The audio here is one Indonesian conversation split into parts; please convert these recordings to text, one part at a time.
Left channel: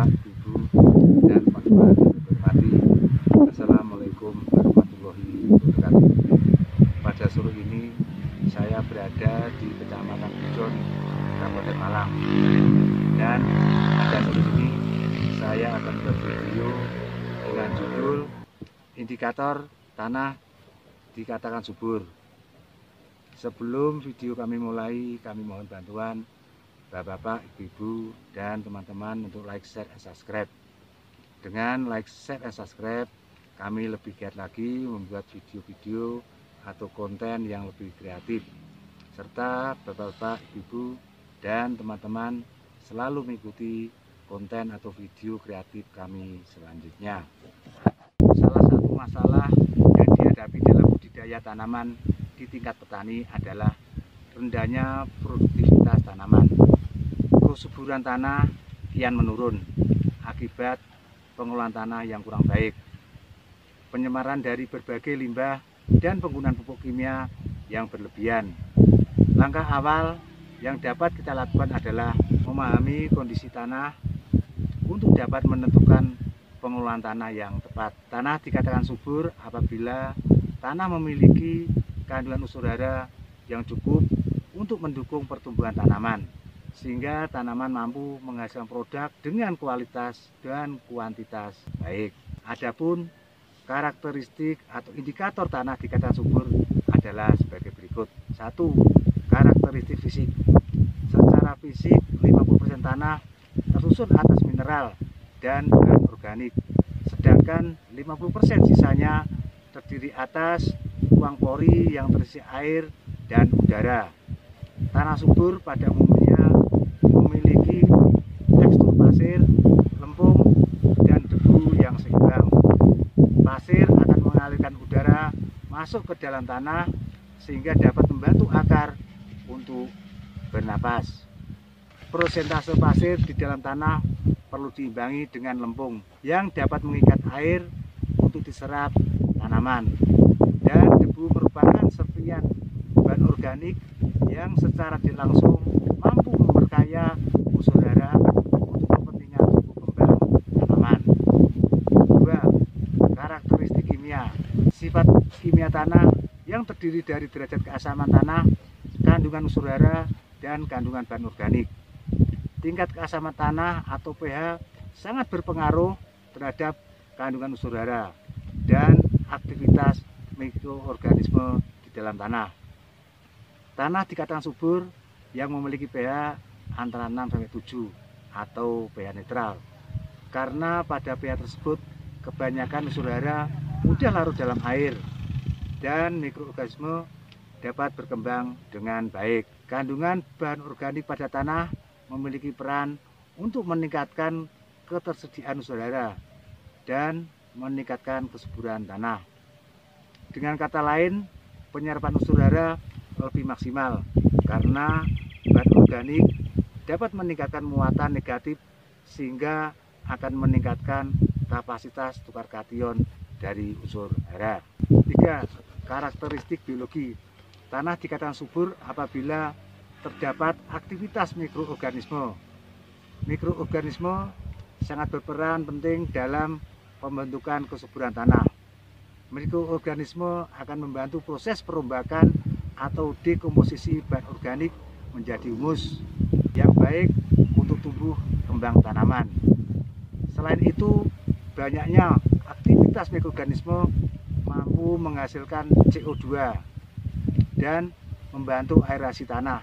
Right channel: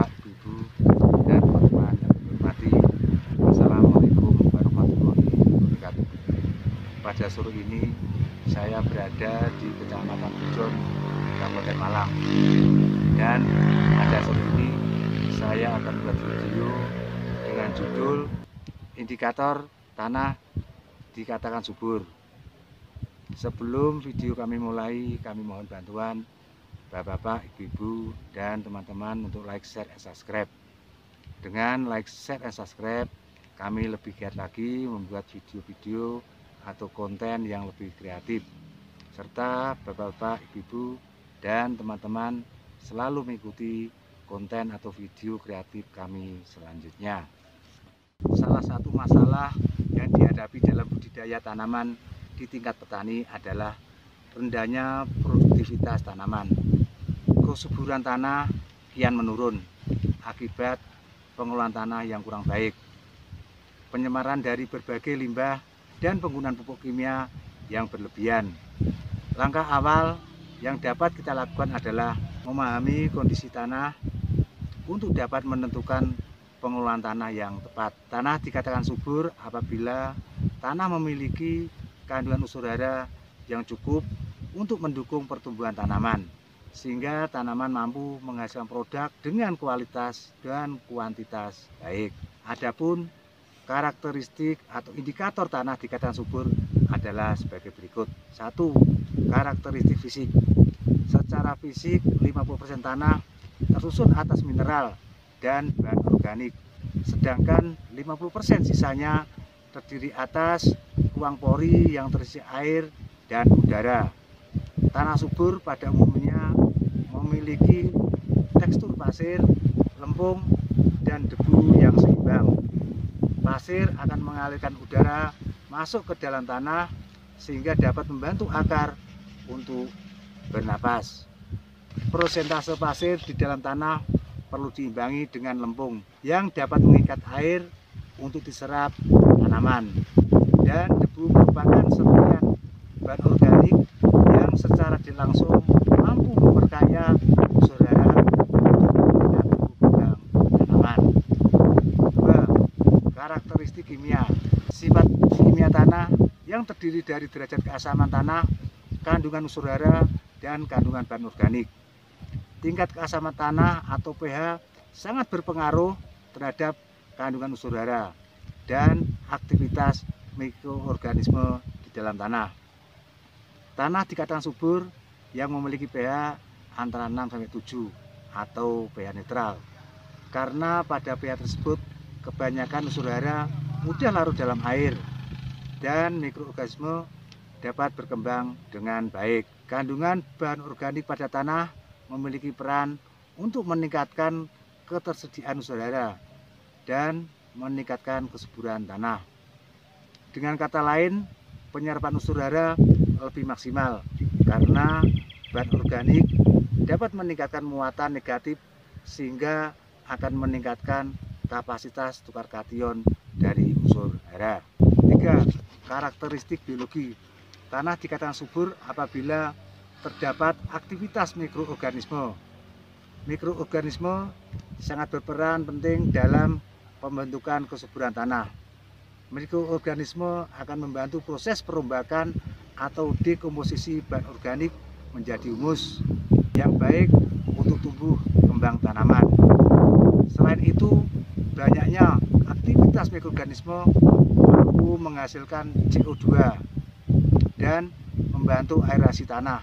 Bapak, Ibu, dan teman-teman yang dihormati. Assalamualaikum warahmatullahi wabarakatuh. Pada sore ini saya berada di Kecamatan Pujon, Kabupaten Malang. Dan pada sore ini saya akan membuat video dengan judul Indikator Tanah Dikatakan Subur. Sebelum video kami mulai, kami mohon bantuan Bapak-bapak, ibu-ibu, dan teman-teman untuk like, share, dan subscribe. Dengan like, share, dan subscribe, kami lebih giat lagi membuat video-video atau konten yang lebih kreatif. Serta bapak-bapak, ibu-ibu, dan teman-teman selalu mengikuti konten atau video kreatif kami selanjutnya. Salah satu masalah yang dihadapi dalam budidaya tanaman di tingkat petani adalah rendahnya produktivitas tanaman. Kesuburan tanah kian menurun akibat pengelolaan tanah yang kurang baik, penyemaran dari berbagai limbah, dan penggunaan pupuk kimia yang berlebihan. Langkah awal yang dapat kita lakukan adalah memahami kondisi tanah untuk dapat menentukan pengelolaan tanah yang tepat. Tanah dikatakan subur apabila tanah memiliki kandungan unsur hara yang cukup untuk mendukung pertumbuhan tanaman, sehingga tanaman mampu menghasilkan produk dengan kualitas dan kuantitas baik. Adapun karakteristik atau indikator tanah dikatakan subur adalah sebagai berikut. 1. Karakteristik fisik. Secara fisik 50% tanah tersusun atas mineral dan bahan organik, sedangkan 50% sisanya terdiri atas ruang pori yang terisi air dan udara. Tanah subur pada umumnya memiliki tekstur pasir, lempung, dan debu yang seimbang. Pasir akan mengalirkan udara masuk ke dalam tanah sehingga dapat membantu akar untuk bernapas. Persentase pasir di dalam tanah perlu diimbangi dengan lempung yang dapat mengikat air untuk diserap tanaman. Dan debu merupakan serpihan bahan organik yang secara tidak langsung mampu memperkaya unsur hara dengan tumbuh kembang tanaman. 2. Karakteristik kimia. Sifat kimia tanah yang terdiri dari derajat keasaman tanah, kandungan unsur hara, dan kandungan bahan organik. Tingkat keasaman tanah atau pH sangat berpengaruh terhadap kandungan unsur hara dan aktivitas mikroorganisme di dalam tanah. Tanah dikatakan subur yang memiliki pH antara 6-7 atau pH netral, karena pada pH tersebut kebanyakan unsur hara mudah larut dalam air dan mikroorganisme dapat berkembang dengan baik. Kandungan bahan organik pada tanah memiliki peran untuk meningkatkan ketersediaan unsur hara dan meningkatkan kesuburan tanah. Dengan kata lain, penyerapan unsur hara lebih maksimal karena bahan organik dapat meningkatkan muatan negatif sehingga akan meningkatkan kapasitas tukar kation dari unsur hara. 3. Karakteristik biologi. Tanah dikatakan subur apabila terdapat aktivitas mikroorganisme. Mikroorganisme sangat berperan penting dalam pembentukan kesuburan tanah. Mikroorganisme akan membantu proses perombakan atau dekomposisi bahan organik menjadi humus yang baik untuk tumbuh kembang tanaman. Selain itu, banyaknya aktivitas mikroorganisme mampu menghasilkan CO2 dan membantu aerasi tanah,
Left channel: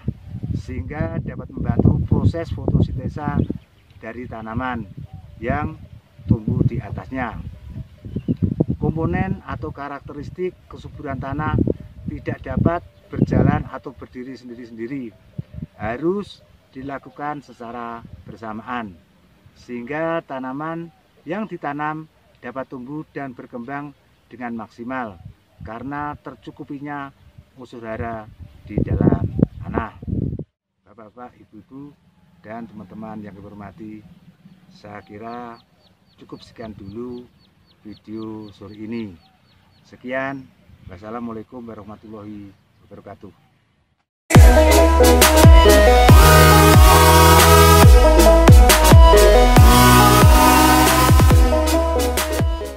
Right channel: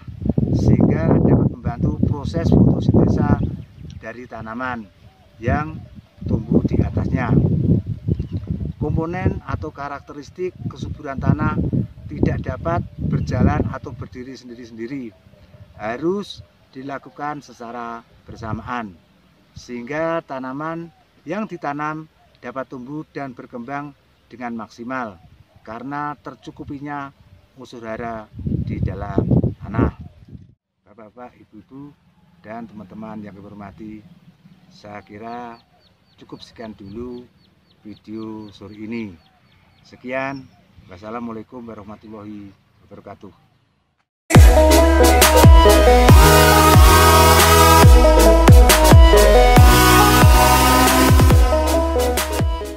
sehingga dapat membantu proses fotosintesa dari tanaman yang tumbuh di atasnya. Komponen atau karakteristik kesuburan tanah tidak dapat berjalan atau berdiri sendiri-sendiri, harus dilakukan secara bersamaan, sehingga tanaman yang ditanam dapat tumbuh dan berkembang dengan maksimal karena tercukupinya unsur hara di dalam tanah. Bapak-bapak, ibu-ibu, dan teman-teman yang dihormati, saya kira cukup sekian dulu video sore ini. Sekian, wassalamualaikum warahmatullahi wabarakatuh.